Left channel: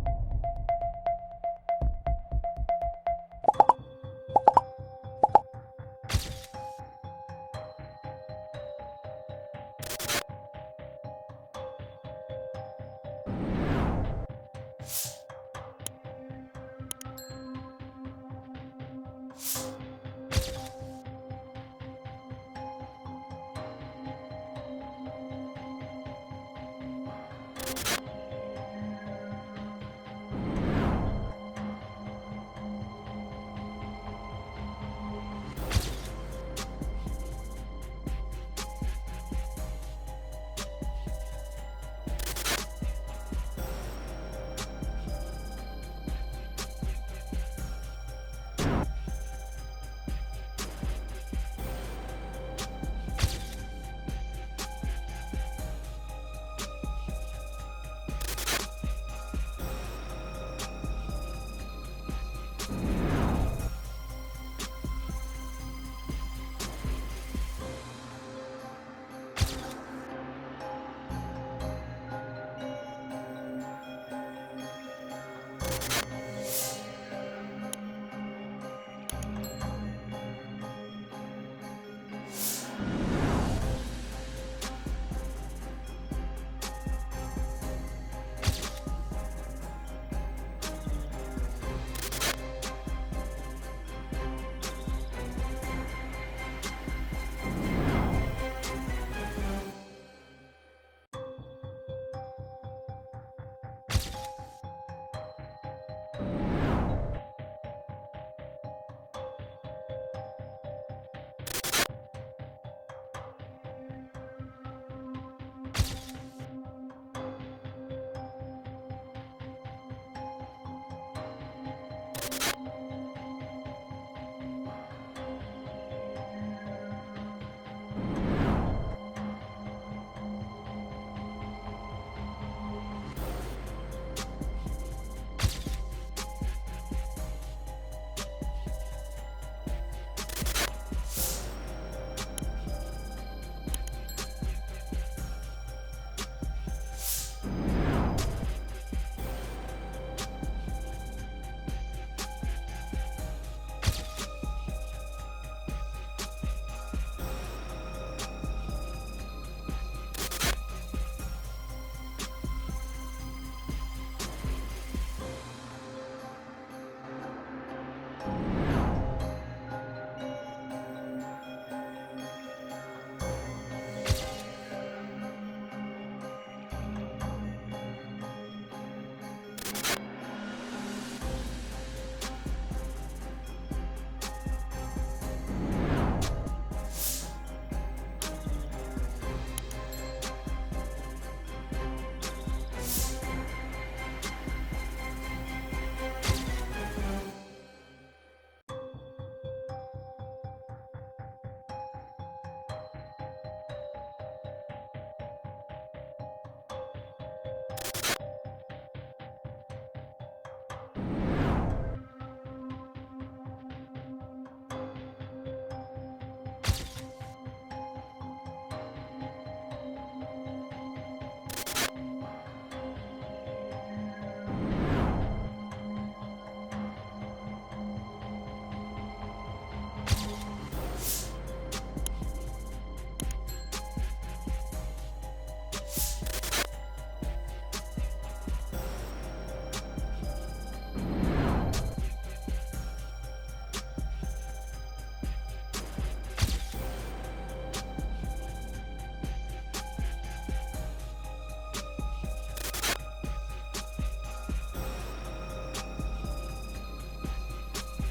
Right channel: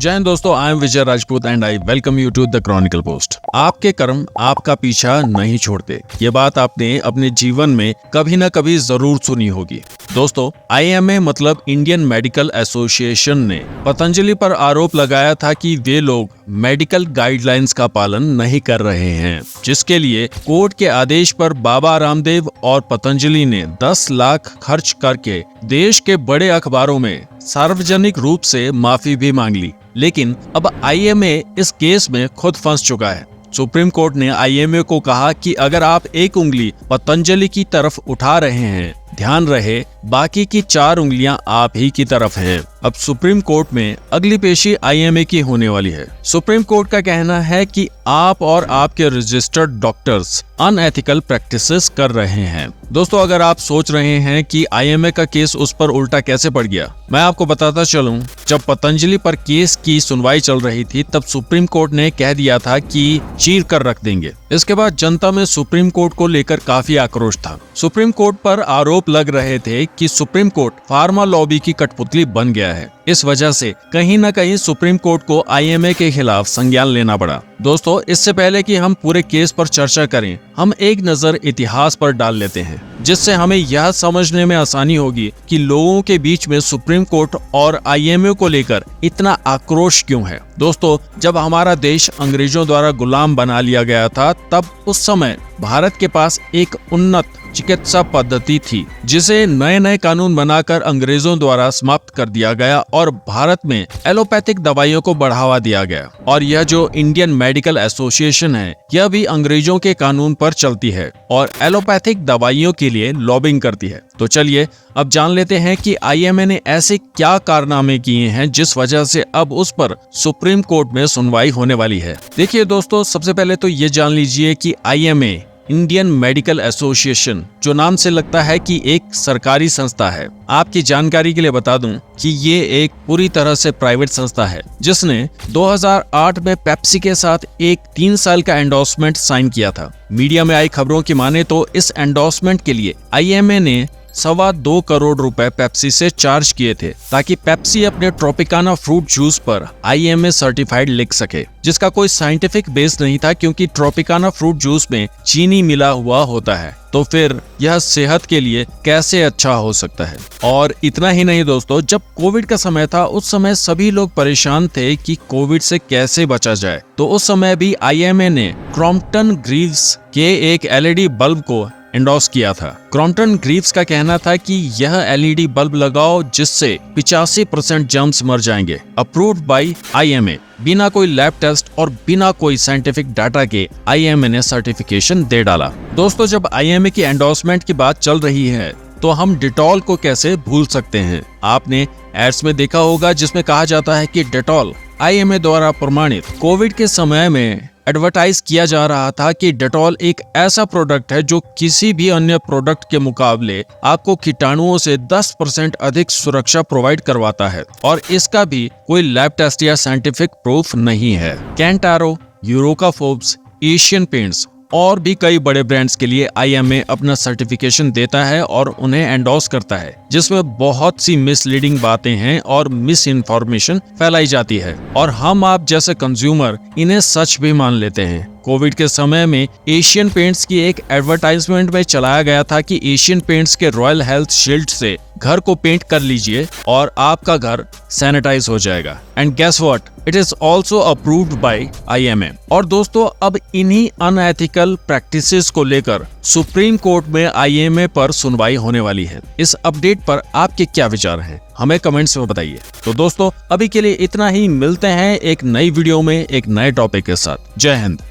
जय हिंद दोस्तों, I am Vijay Rajput and I welcome you to the chronicle post. आपके कर्म आपका पीछा नहीं छोड़ते, ये बात आपने अपने जीवन में कभी न कभी जरूर सुनी होगी। दोस्तों, आईएमए मतलब इंडियन मेडिकल एसोसिएशन ने पतंजलि पर आरोप लगाया था कि वे लोग मेडिकल गाइडलाइंस का पालन नहीं कर रहे हैं, जिसके लिए कोर्ट के आदेश पर बाबा रामदेव और पतंजलि ने 10 लाख खर्च करके देश के बड़े अखबारों में सार्वजनिक रूप से माफी भी मांग ली। लेकिन अब आईएमए इस केस में खुद फंस चुका है। सुप्रीम कोर्ट ने आईएमए को कहा कि अगर आप एक उंगली पतंजलि की तरफ उठा रहे हैं, ध्यान रहे बाकी की 4 उंगलियां आप ही की तरफ हैं। अब सुप्रीम कोर्ट में अगली पेशी आईएमए की होने वाली है। सुप्रीम कोर्ट का कहना है कि आप और आपके रजिस्टर्ड डॉक्टर्स अनएथिकल प्रैक्टिसेस कर रहे हैं। दोस्तों, अगर आप सोच रहे हैं कि आईएमए का केस उस पर उल्टा कैसे पड़ गया, मैं आपको बताता चलूं। जब पतंजलि पर केस की सुनवाई चल रही थी, तब सुप्रीम कोर्ट ने कह दिया था कि चीर कर रख देंगे। इसके बाद जनता में सुप्रीम कोर्ट को लेकर काफी आक्रोश था। सुप्रीम कोर्ट पर आरोप लग रहे थे कि सुप्रीम कोर्ट फार्मा लॉबी की कठपुतली बन गया है। इस वजह से कहीं न कहीं सुप्रीम कोर्ट को आईएमए के खिलाफ संज्ञान लेना पड़ा। दोस्तों, इससे पहले कि हम पूरे केस पर चर्चा करें, हम एक नजर इतिहास पर डाल लेते हैं, जिससे हमें यह समझने में आसानी होगी कि लोगों के बीच में सुप्रीम कोर्ट और आईएमए को लेकर इतना आक्रोश क्यों है। दोस्तों, जब हमारा देश अंग्रेजों द्वारा गुलाम बना लिया गया था, तब उस समय भारत के पास एक उन्नत चिकित्सा पद्धति थी, जिसे नए नए कानून बनाकर अंग्रेजों द्वारा समाप्त कर दिया गया और भारत में एलोपैथिक दवाइयों को बढ़ावा दिया गया। और यह जो इंडियन मेडिकल एसोसिएशन है, यह भी अंग्रेजों के कानून पर चलती है और एलोपैथिक दवाइयों के लिए लॉबिंग करती है। तो चलिए अब जान लेते हैं कि आईएमए ने ऐसे क्या कारनामे किए हैं जिस वजह से अब उस पर सुप्रीम कोर्ट में सुनवाई होने वाली है। देखिए दोस्तों, सबसे पहले तो ये जान लीजिए कि आईएमए इंडियन मेडिकल एसोसिएशन, जो नाम से लगता है कि एक सरकारी संस्था है। आपकी जानकारी के लिए बता दूं कि ये एक पूरी तरह से प्राइवेट संस्था है, जिसने 2008 में पेप्सी के साथ एक 3 साल का एंडोर्समेंट साइन किया था। मीडिया में आई खबरों की माने तो इस एंडोर्समेंट के लिए आईएमए ने 2.25 करोड़ रुपए पेप्सी से चार्ज किए थे, ताकि पेप्सी अपने ट्रॉपिकाना फ्रूट जूस पर आईएमए सर्टिफाइड लिख सके, जिसका कोई साइंटिफिक बेस नहीं था, क्योंकि ट्रॉपिकाना फ्रूट जूस में चीनी मिला हुआ होता है। तो फिर यह सेहत के लिए कैसे अच्छा हो सकता है। और इतना ही नहीं दोस्तों, जब कोविड का समय था, उस समय सभी लोग परेशान थे कि कोविड से कैसे बचा जाए। तो उस समय भी आईएमए ने क्रॉम्पटन ग्रीव्स के एक एलईडी बल्ब को एंडोर्स किया था। क्रॉम्पटन ग्रीव्स का कहना था कि यह एलईडी बल्ब लगाओ जिससे 85% जर्म्स मर जाएंगे। Approved by IMA. बिना कोई लैब टेस्ट और बिना कोई साइंटिफिक डाटा के आईएमए ने सर्टिफिकेशन दे डाला। दोस्तों, जब आईएमए की एंडोर्समेंट की बात चल रही है, तो हम डेटॉल को कैसे भूल सकते हैं। आपने एड्स में देखा होगा जिसमें कहा जाता है कि डेटॉल आईएमए द्वारा प्रमाणित। कोविड के समय में एडवर्टाइज किया जा रहा था कि डेटॉल एक ऐसा प्रोडक्ट है जो किसी भी अन्य प्रोडक्ट के मुकाबले आपको कीटाणुओं से 10% अधिक सुरक्षा प्रोवाइड करवाता है, और इसका भी कोई लैब टेस्ट या साइंटिफिक प्रूफ नहीं है। कैंटारो, यूरोकाफोर्ब्स, एशियन पेंट्स और भी कई बड़े ब्रांड्स के लिए आईएमए अपना सर्टिफिकेशन देता है और उन्हें एंडोर्स करता है, जिसमें बहुत सी मिसलीडिंग बातें हैं और मिस इन्फॉर्मेशन फैलाई जाती है, और हम आप जैसे कंज्यूमर इन्हें सच भी मान लेते हैं। कोविड के समय में एशियन पेंट्स की एक एडवर्टाइजमेंट में चलाया गया था कि एशियन पेंट्स के रॉयल हेल्थ शील्ड से घर को पेंट कर लीजिए और आपका घर सैनिटाइज हो जाएगा। And guess what, it is also approved by IMA. और दोस्तों, अब इन्हीं अनएथिकल प्रैक्टिसेस को लेकर सुप्रीम कोर्ट में आईएमए पर सुनवाई होने वाली है। इस अपडेट पर आपके क्या विचार हैं, हमें कमेंट्स में बताइए। तो दोस्तों, अभी के लिए इतना ही। मिलते हैं एक नई वीडियो में एक नए टॉपिक के साथ। जय हिंद।